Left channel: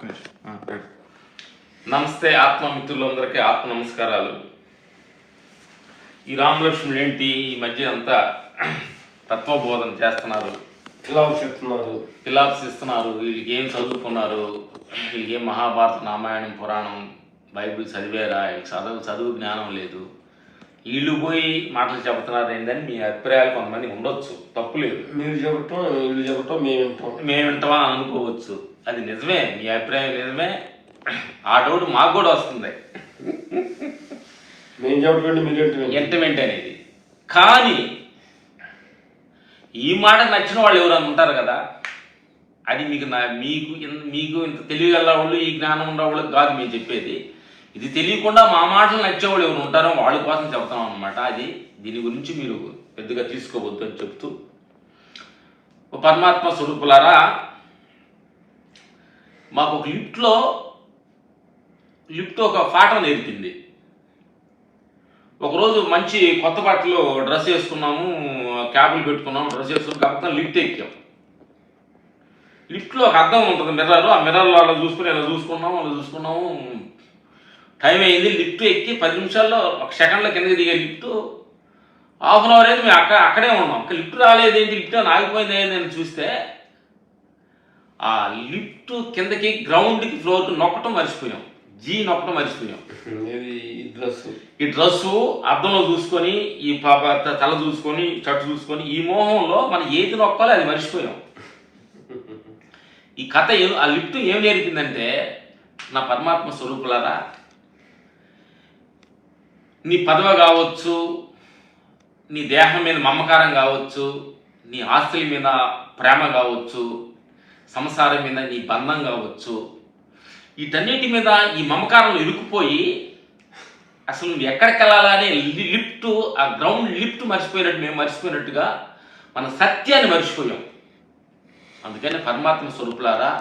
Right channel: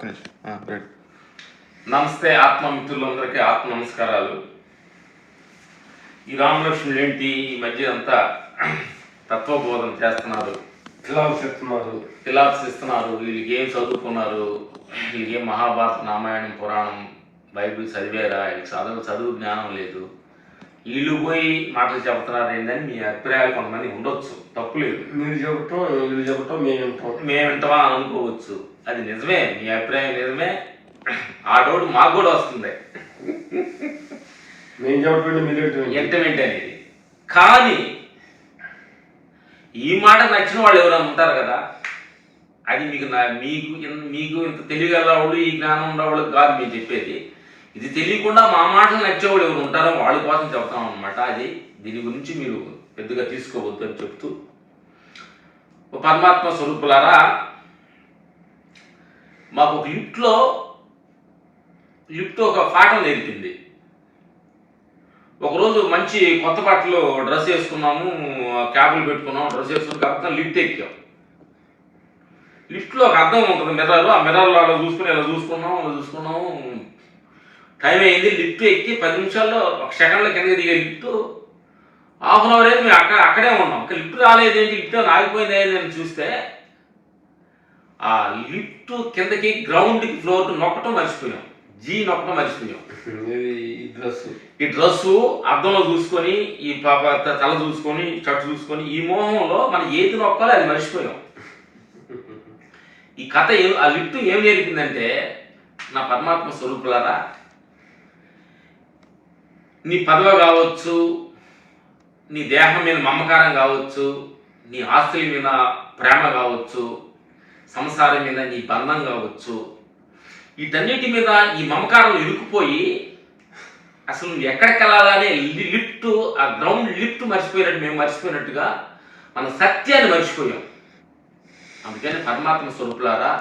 ఒక్క నిమిషం. నమస్తే ఆత్మమిత్రులందరికీ ఆత్మ నమస్కారాలు. ఈ రామలక్ష్మణులు ఏంటి ఈ మధ్య అంతా తత్వబోధన చేస్తున్నారు, ఫిలాప్స్ ఇస్తున్నారు. వీళ్ళకి ఏం చదువుకున్నారు, వీళ్ళకి ఏం మహాభారత రామాయణం పురాణం బైబిల్ చదివారా, చదువు జ్ఞానం లేదు, వీళ్ళు పోయి మాటలు చెబుతున్నారు ఏందని మీ అభిప్రాయాలు కొంతమంది ఉండొచ్చు, తప్పులేదు. మీరు చెప్పటం వీళ్ళు చెప్పటం మేము వింటామని అనుకోవచ్చు. అది నిజమే, మీ అభిప్రాయం నిజమే. ఆ డౌట్ మాకు కూడా వస్తుంది, మేము చెప్పటం మీరు ఎంటమెంట్ అనేది. కానీ ఈ మాట నచ్చిన వాళ్ళు ఎవరైనా ఉంటారు కదా, అది మీకు ఇంత తెలియగల వాళ్ళు, ఈ జ్ఞానం ఉన్నవాళ్ళు కాదు మీరు చెప్పేది. ఇది తెలియకుండా మా మాటలు నచ్చేవాళ్ళు ఎవరు ఉంటారో వాళ్ళ కోసం చెప్తాం అనమాట. అది దీని గురించి మీరు పెద్దగా తీసుకోవద్దు అని చెప్తూ, పరమాత్మ స్వరూపులారా, మాకు ఒక లిఫ్ట్ ఒక పాఠం నేర్పింది. ఒకరోజు మంచి కొత్త బట్టలు డ్రెస్ వేసుకున్నాము, క్యాబులు పెట్టుకున్నాము, డ్రెస్ వేసుకున్నాం కాబట్టి లిఫ్ట్ ఎక్కాం. లిఫ్ట్లో ఒక అద్దం ఉంటుంది, మిర్రర్. ఆ మిర్రర్లో అలా చూసుకున్నాము. టైం అయింది. లిఫ్ట్ ఎక్కి 10 నిమిషాల్లో, 1 సెకండ్లో కిందకి దిగే లిఫ్ట్. ½ అన్ అవర్ అయితే మేము అక్కడే ఉన్నాం. లిఫ్ట్ రాలేదేంటి, లిఫ్ట్ ఆగిపోయింది ఏంటని చూస్తే ఆ లిఫ్ట్ కిందకి గ్రౌండ్కి ఫ్లోర్కి నొక్కటం మర్చిపోయాం. నొక్కటం మర్చిపోయాం. ఈ డ్రెస్సు అద్దంలో చూసుకొని, ఈ పాప తల చూసుకొని, షర్ట్ చూసుకొని, ఈ మోహంలో మనం ఏది నొక్కాలో అది మర్చిపోయాం. ఈ కథ ఆ లిఫ్ట్ ఏం నేర్పిందంటే, నా పరమాత్మ స్వరూపులారా, నీ పదవి కావచ్చు, నీ దేహం మీద మమకారం కావచ్చు, నీ ఆస్తుల మీద ప్రేమ కావచ్చు, సంసారం మీద నీ బంధం కావచ్చు, వీటన్నిటి మీద ఈ మమకారంలో ఇరుక్కుపోయి అసలు నువ్వు ఎక్కడికి వెళ్ళాలనే లిఫ్ట్, ఆ గ్రౌండ్ లిఫ్ట్ మర్చిపోయినట్టు మేము మర్చిపోయినట్టుగా మన సత్యాన్ని మర్చిపోయాం. అందుకని పరమాత్మ స్వరూపులారా,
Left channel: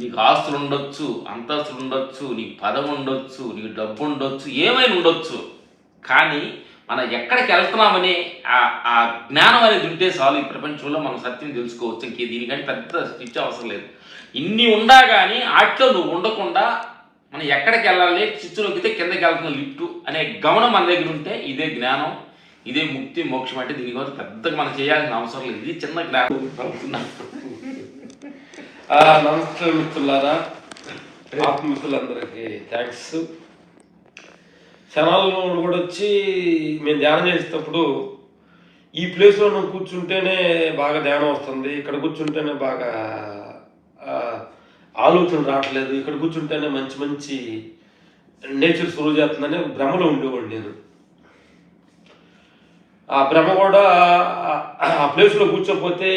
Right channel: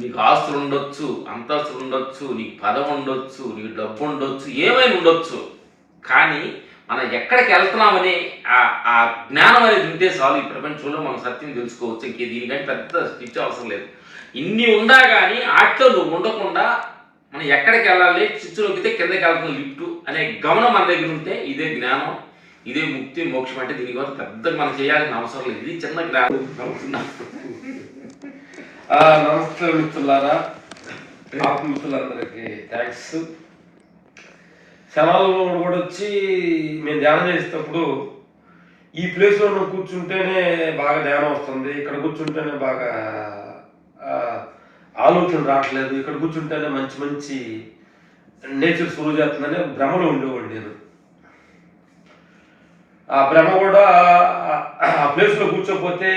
నీకు ఆస్తులు ఉండొచ్చు, అంతస్తులు ఉండొచ్చు, నీకు పదవి ఉండొచ్చు, నీకు డబ్బు ఉండొచ్చు, ఏమైనా ఉండొచ్చు, కానీ మనం ఎక్కడికి వెళ్తున్నామని ఆ జ్ఞానం అనేది ఉంటే చాలు. ఈ ప్రపంచంలో మనం సత్యం తెలుసుకోవచ్చు. ఇంకే దీనికంటే పెద్ద స్టిచ్ అవసరం లేదు. ఇన్ని ఉండా కానీ ఆటలో నువ్వు ఉండకుండా మనం ఎక్కడికి వెళ్ళాలి, చిచ్చు నొక్కితే కిందకి వెళ్తున్న లిఫ్ట్ అనే గమనం మన దగ్గర ఉంటే ఇదే జ్ఞానం, ఇదే ముక్తి, మోక్షం. అంటే దీనికోసం పెద్దగా మనం చేయాల్సిన అవసరం లేదు. ఇది చిన్న జ్ఞానం. నమస్తే మిత్రులారా, ఆత్మమిత్రులందరికీ థ్యాంక్స్. క్షణాలలో కూడా వచ్చి మేము ధ్యానం చేసేటప్పుడు ఈ ప్లేస్లో నువ్వు కూర్చుంటేనే బాగా ధ్యానం వస్తుంది, ఇక్కడ కూర్చుంటేనే బాగా ఆలోచన రావట్లేదు, ఇక్కడ కూర్చుంటేనే మంచి మంచి నేచర్ సురువు చేస్తుందనే భ్రమలో ఉండేవాడు నేను. ఆ భ్రమ కూడా ఆ ప్లేస్లో కూర్చోకపోతే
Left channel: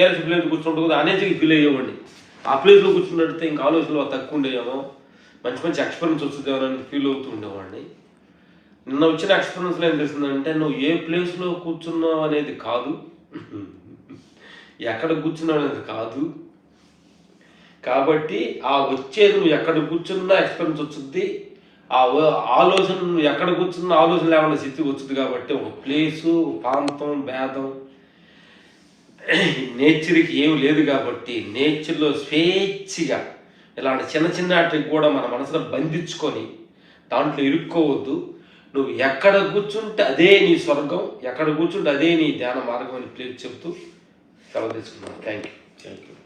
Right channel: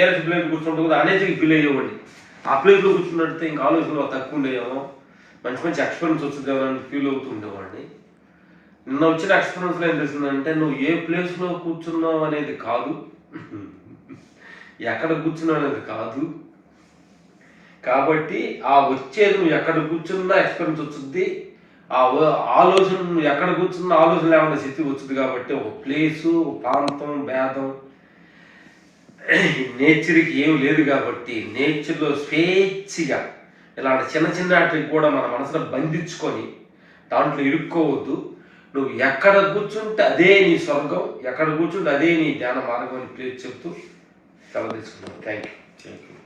ఏరసి ప్లేస్ కూర్చుంటే అనేజీకి ఫీల్ అయ్యేవాడిని. ఆ ప్లేస్లో కూర్చున్నట్టే ఇంకా ఆలోచనలు తక్కువ ఉండేవేమో, మంచి మంచి ఎక్స్పీరియన్స్ వస్తుందేమో అని ఫీల్ అవుతూ ఉండేవాడిని. నిన్న వచ్చిన ఎక్స్పీరియన్స్లో ఏం తెలిసిందంటే, నువ్వు ఏ ప్లేస్లో కూర్చున్నావు అనేది కాదు, ఎక్కడ కూర్చున్నావు అనేది కాదు. కాబట్టి ఆ వచ్చేది నువ్వు ఎక్కడ కూర్చున్నా ఎక్స్పీరియన్స్ వచ్చింది. ఆ ఆలోచన నువ్వు ఎక్కడ కూర్చున్నా ఆలోచన లేకుండా స్థితి వచ్చింది. కాబట్టి ఒక ప్లేసు, ప్రాంతం, భేదం, నేచర్కి ఏమి లేదు. కాబట్టి నేచర్లో స్వేచ్ఛగా ఇలాంటి చిన్న చిన్న వాటికి కూడా మన మనసులో బంధించుకొని దాంట్లో ఇరుక్కోవద్దు. నువ్వు ఎక్కడ కూర్చుంటే అదే నీ స్వర్గం, ఎక్కడ కూర్చుంటే అదే నీ ధ్యాన మార్గం అని ప్లేస్ చెప్తూ సెలవు తీసుకున్నాను. Thank you.